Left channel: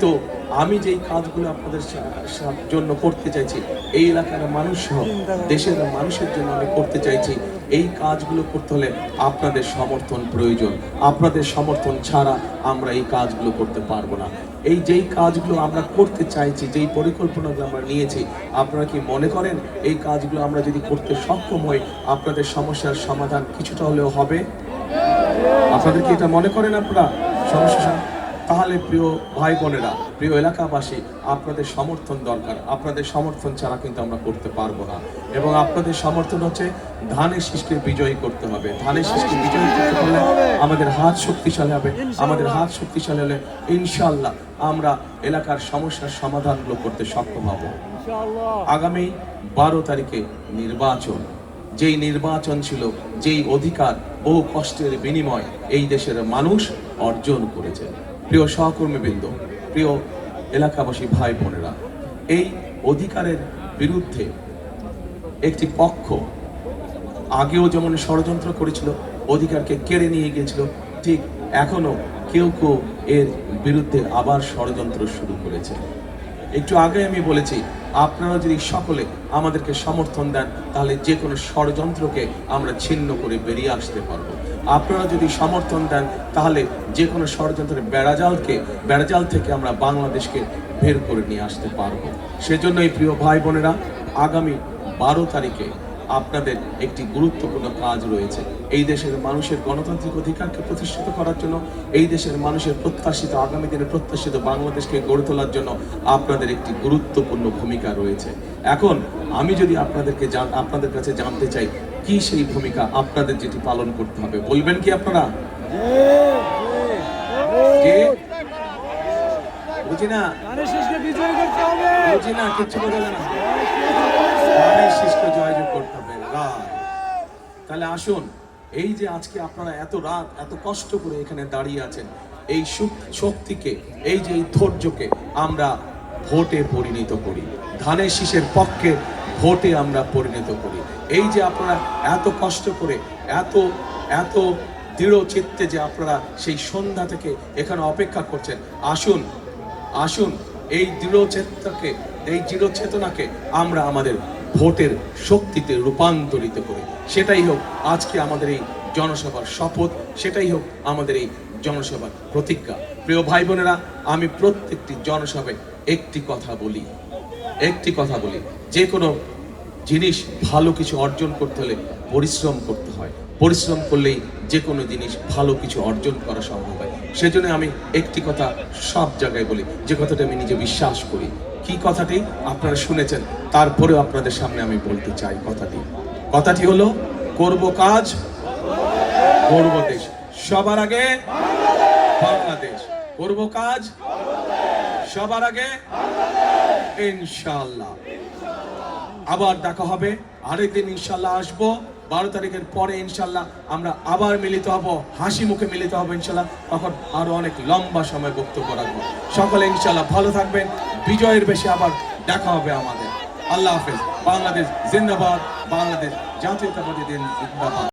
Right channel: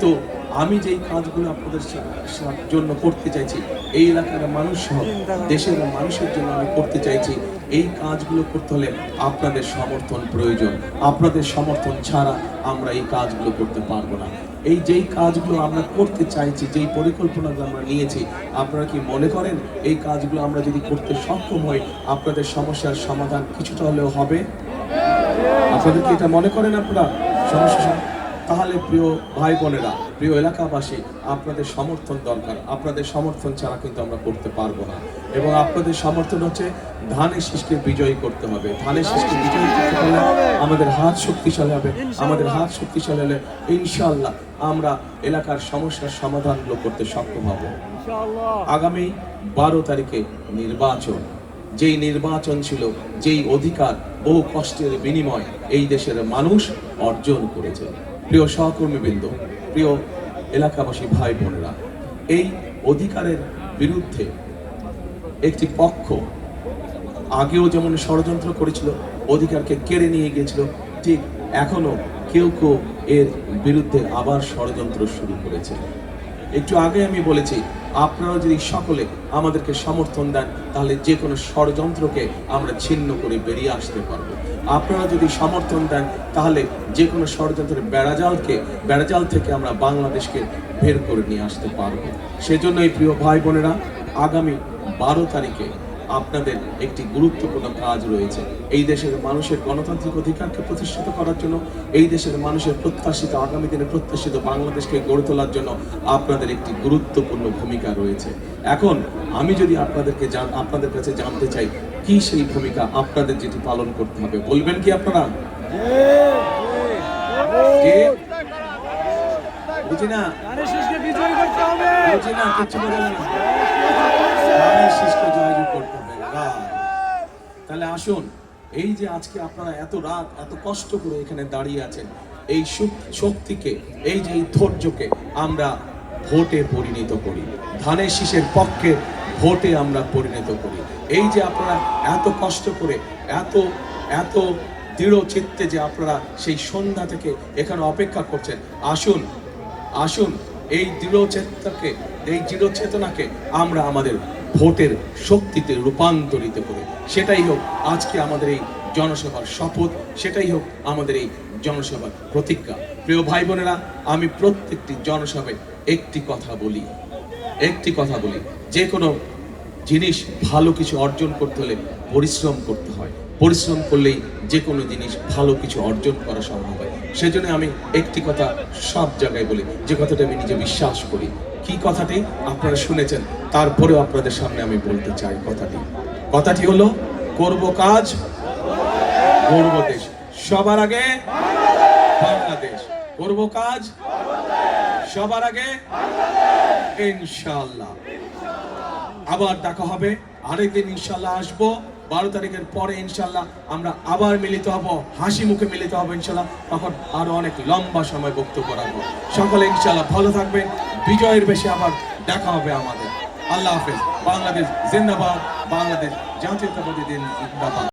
তো আমি যেই কাজগুলো আপনাদের জন্য করতে চাইছি, এই এলাকার মানুষ দেশের মানুষের জন্য আমি করতে চাইছি, এই কাজগুলো করতে হলে আপনাদের সমর্থন প্রয়োজন। আপনাদের সমর্থন ছাড়া আমরা এই কাজগুলো করতে পারব না। এই যেই কাজগুলো আমরা করতে চাইছি, যেই পরিকল্পনাগুলো আমরা নিয়েছি, আপনারা কি মনে করেন এই কাজগুলো আমরা যদি করতে সক্ষম হই, আপনাদের সমস্যার সমাধান কিছুটা হলেও হবে? আপনাদের কি এটা মনে করেন আপনারা? সমস্যা সম- তাহলে প্রিয় ভাই বোনেরা প্রিয় এলাকাবাসী আপনাদের সমর্থন দরকার। আপনাদের সমর্থন ছাড়া কিন্তু আমরা করতে পারব না। এবং আপনাদের সমর্থন হচ্ছে ধানের শীষকে বিজয়ী করতে হবে। ধানের শীষকে বিজয়ী করতে হলে আমাদের হাত শক্তিশালী হবে। আমাদের হাত শক্তিশালী হলে ইনশাল্লাহ আমরা এলাকার সমস্যার সমাধানগুলো করতে সক্ষম হব। আগামী বারো তারিখে নির্বাচন। যেই নির্বাচন ছিল যেই অধিকার বহু কষ্টের বিনিময় এই দেশের মানুষ অর্জন করেছে প্রিয় সহকর্মীবৃন্দ, প্রিয় এলাকাবাসী ভাই বোনেরা, এই অধিকারের বিরুদ্ধে একটি পক্ষ আগেও যেমন ষড়যন্ত্র করেছিল, অধিকারকে কেড়ে নিয়ে গিয়েছিল, ঠিক এখনও কেউ কেউ এর বিরুদ্ধে আবার ষড়যন্ত্র শুরু করেছে। একটু আগে আমি বলেছি আপনারা যদি সকলে আমাদেরকে সমর্থন দেন, তাহলে যে কোনো ষড়যন্ত্রকে আমরা ছিন্ন করে বেরিয়ে আসতে পারব। আপনারা যদি সমর্থন দেন, তাহলে যে কোনো ষড়যন্ত্রের বেড়াজালকে, বেড়াজাল থেকে আমরা বাংলাদেশকে বের করে নিয়ে আসতে পারব। সেজন্যই প্রিয় ভাই বোনেরা, আগামী বারো তারিখে আপনাদের একটি গুরুত্বপূর্ণ কাজ রয়েছে। এই দেশের মানুষের গণতান্ত্রিক অধিকারকে প্রতিষ্ঠিত করার জন্য এই দেশের মানুষের প্রত্যাশিত আগামী দিনে প্রত্যাশিত বাংলাদেশকে গড়ে তোলার জন্য আপনাদের একটি গুরুত্বপূর্ণ ভূমিকা রয়েছে। এখন আমি যদি আপনাদেরকে জান- আপনাদের কাছে জানতে চাই কি সেই ভূমিকা আপনাদের যেটি পালন করতে হবে বলবেন কি আপনারা? বুঝি না? বুঝি না কিচ্ছু বোঝা তাহলে আসুন, এই যে আজকে আপনারা এত রাত, এত কষ্ট করে এখানে দাঁড়িয়ে আছেন, এই শক্তিকে, এই যে ধৈর্যকে আমরা ভোটে পরিণত করি। ধানের শীষের পক্ষে ভোটে আমরা পরিণত করি। এই যে আপনারা এত কষ্ট করে, এত এত দৃঢ় চিত্তে যে আপনারা সেই সন্ধ্যা থেকে এখানে অপেক্ষা করছেন, আসুন আসুন, এই দৃঢ় চেতনাকে, এই দৃঢ় চেতনাকে আমরা আমাদের ভোটের শক্তিতে রূপান্তরিত করি। সেটাই হোক আজকে আমাদের এই জনসভার শপথ, সেটাই হোক আমাদের এই জনসভার প্রতিজ্ঞা। প্রিয় ভাই বোনেরা আমি প্রত্যেকটি জনসভায় একটি কথা বলি। একটি কথা বলি, যে কোনো জিনিস ভালো কিছু অর্জন করতে হলে পরিশ্রম করতে হয়। পরিশ্রম করলেই যে কোনো জিনিস ভালো কিছু অর্জন করা সম্ভব হয়। সেজন্য আমি একটি কথা সব জায়গায় বলি, যে কথাটা আমি নিজে বিশ্বাস করি। কি কথাটি আপনারা শুনেছেন? তারপরেও আপনাদের সামনে আমি বলতে চাই কথাটি। কথাটি হলো, করব কাজ, করব দেশ। সবার আগে বাংলাদেশ। করব কাজ, সবার আগে ইনশাল্লাহ আবার দেখা হবে, আরেকদিন ইনশাল্লাহ আসব। বারো তারিখের পরে ইনশাল্লাহ আমরা আবার মিলিত হব, হাসি মুখে মিলিত হব ইনশাল্লাহ। তখন আরও অনেক লম্বা সময় বক্তব্য রাখব। সকলে ইনশাল্লাহ ভালো থাকবেন, বিজয়ের বেশি আবার দেখা হবে আমাদের। আল্লাহ হাফেজ। বাংলাদেশ জিন্দাবাদ, বাংলাদেশ জাতীয়তাবাদী দিন জিন্দাবাদ।